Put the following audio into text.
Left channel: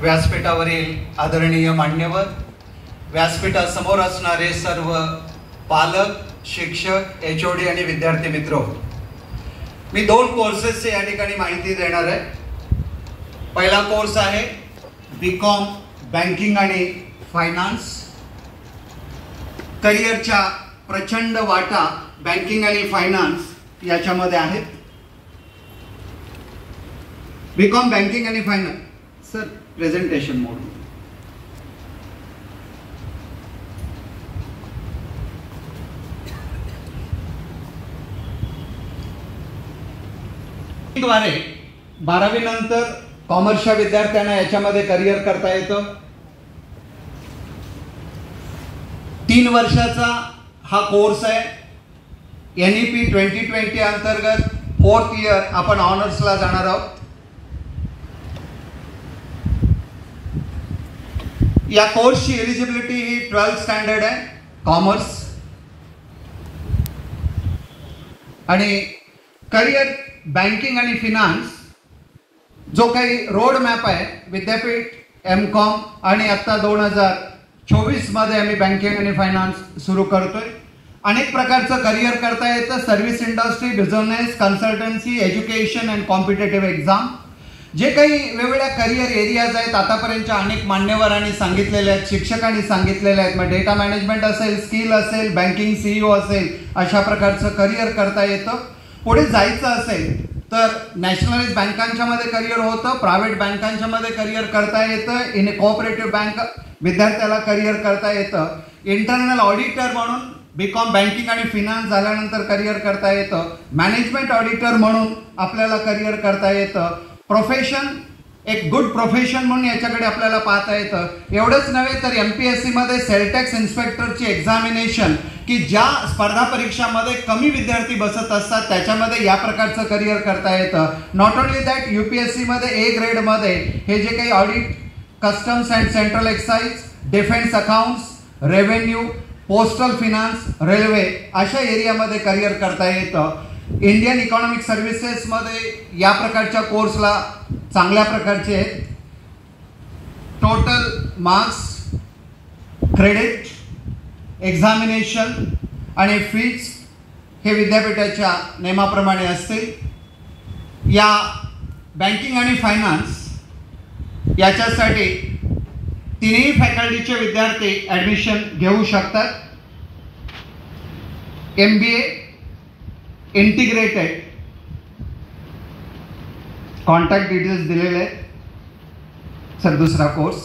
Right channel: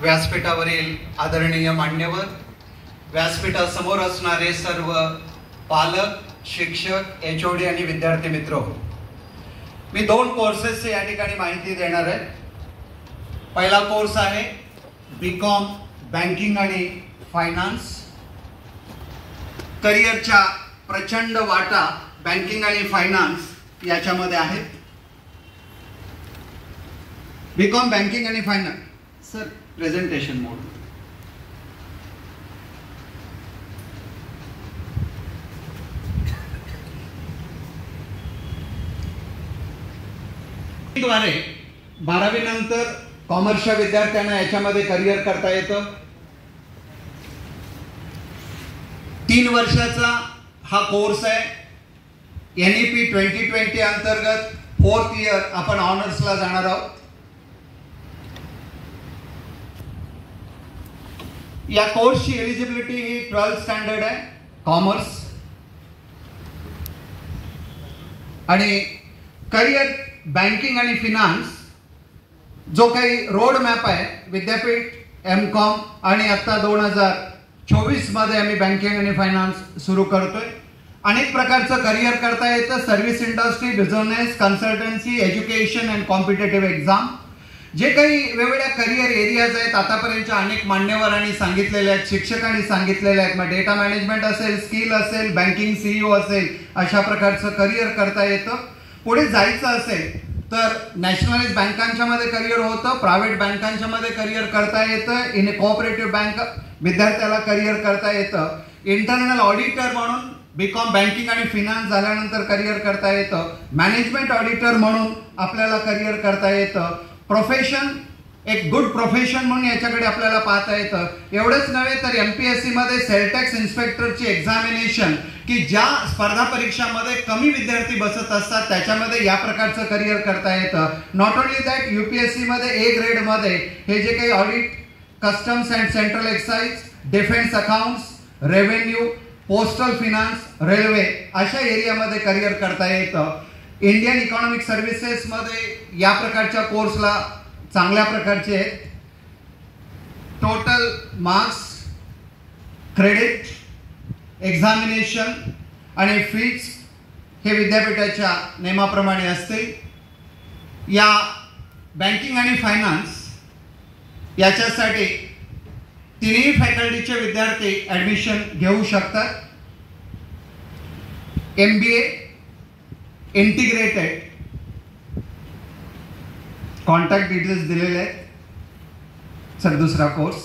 व्यासपीठावरील आदरणीय मान्यवर, व्यासपीठासमोर असणारे सर्व पालक, शिक्षक, HOD आणि विद्यार्थी मित्र, मी 2 कोर्सेसची या ठिकाणी माहिती देणार आहे. पहिला कोर्स आहे BCom बँकिंग आणि फायनान्स. करिअरच्या प्रचंड वाटा बँकिंग आणि फायनान्स याच्यामध्ये आहेत. BCom बँकिंग आणि फायनान्स. सर, प्रेझेंटेशन मोड. द्वारे 12वी नंतर कॉमर्सच्या विद्यार्थ्यांना याच्यामध्ये करिअर करता येतं. 3 वर्षाचा हा कोर्स आहे. NEP 2020 अंतर्गत 4th इयर आपण ऑनर्सला जाणार आहोत. या कोर्सची एलिजिबिलिटी ही 12th स्टँडर्ड आहे, कॉमर्स. आणि करिअर बँकिंग आणि फिनान्स जो काही रोड मॅप आहे, विद्यापीठ MCom आणि आता 2024 मध्ये आम्ही बँकिंग आणि फायनान्स सुरू करतोय. अनेक प्रकारचं करिअर करता येतं. Service industry, business, consultancy, education and competitive exam, जे काही वेगवेगळ्या करिअर एरियाज आहेत आतापर्यंतच्या अनेक मान्यवरांनी सांगितलेले आहेत, शिक्षकांनी सांगितलेले आहेत. मग डेटा मॅनेजमेंट असेल, स्किल असेल, बँकिंग CEO असेल, अशा प्रकारचं करिअर करता येतं. पुढे जायचं असेल तर नॅशनलाइज बँकांच्या मध्ये करिअर होतं, प्रायव्हेट बँकांच्या मध्ये करिअर करता येतं, इन ए कोऑपरेटिव्ह बँक विद्यार्थ्याला करिअर करता येतं. इंटरनल ऑडिटर म्हणून BCom बँकिंग आणि फिनान्स झाल्यानंतर करिअर करता येतं. मॅनेजमेंट ऑडिटर म्हणून आपल्याला करिअर करता येतं. प्रोफेशन, एक गुड प्रोफेशन म्हणून याच्याकडे आपल्याला पाहता येतं. एवढंच नव्हे तर MPSC मध्ये सेल टॅक्स इन्स्पेक्टरची एक्झामिनेशन, की ज्या स्पर्धा परीक्षामध्ये कमी विद्यार्थी बसत असतात त्याच्यामध्ये या प्रकारचं करिअर करता येतं. नॉट ओनली दॅट, UPSC मध्ये A ग्रेड मध्ये हे जे काही audit, customs and central excise, defence accounts, revenue, postal finance, railway अशा एरियामध्ये करिअर करता येतं. इंडियन इकॉनॉमिक सर्व्हिसेस मध्ये या प्रकारच्या कोर्सला चांगल्या प्रकारचे आहेत. टोटल मार्क्स, क्रेडिट, एक्झामिनेशन आणि फीज हे विद्यापीठाच्या नियमाप्रमाणे असतील. या बँकिंग आणि फायनान्स याच्यासाठी 3ही फॅकल्टीचे विद्यार्थी ऍडमिशन घेऊ शकतात. MBA इंटिग्रेटेड, कॉन्टॅक्ट डिटेल्स दिलेले आहेत. सर, दुसरा कोर्स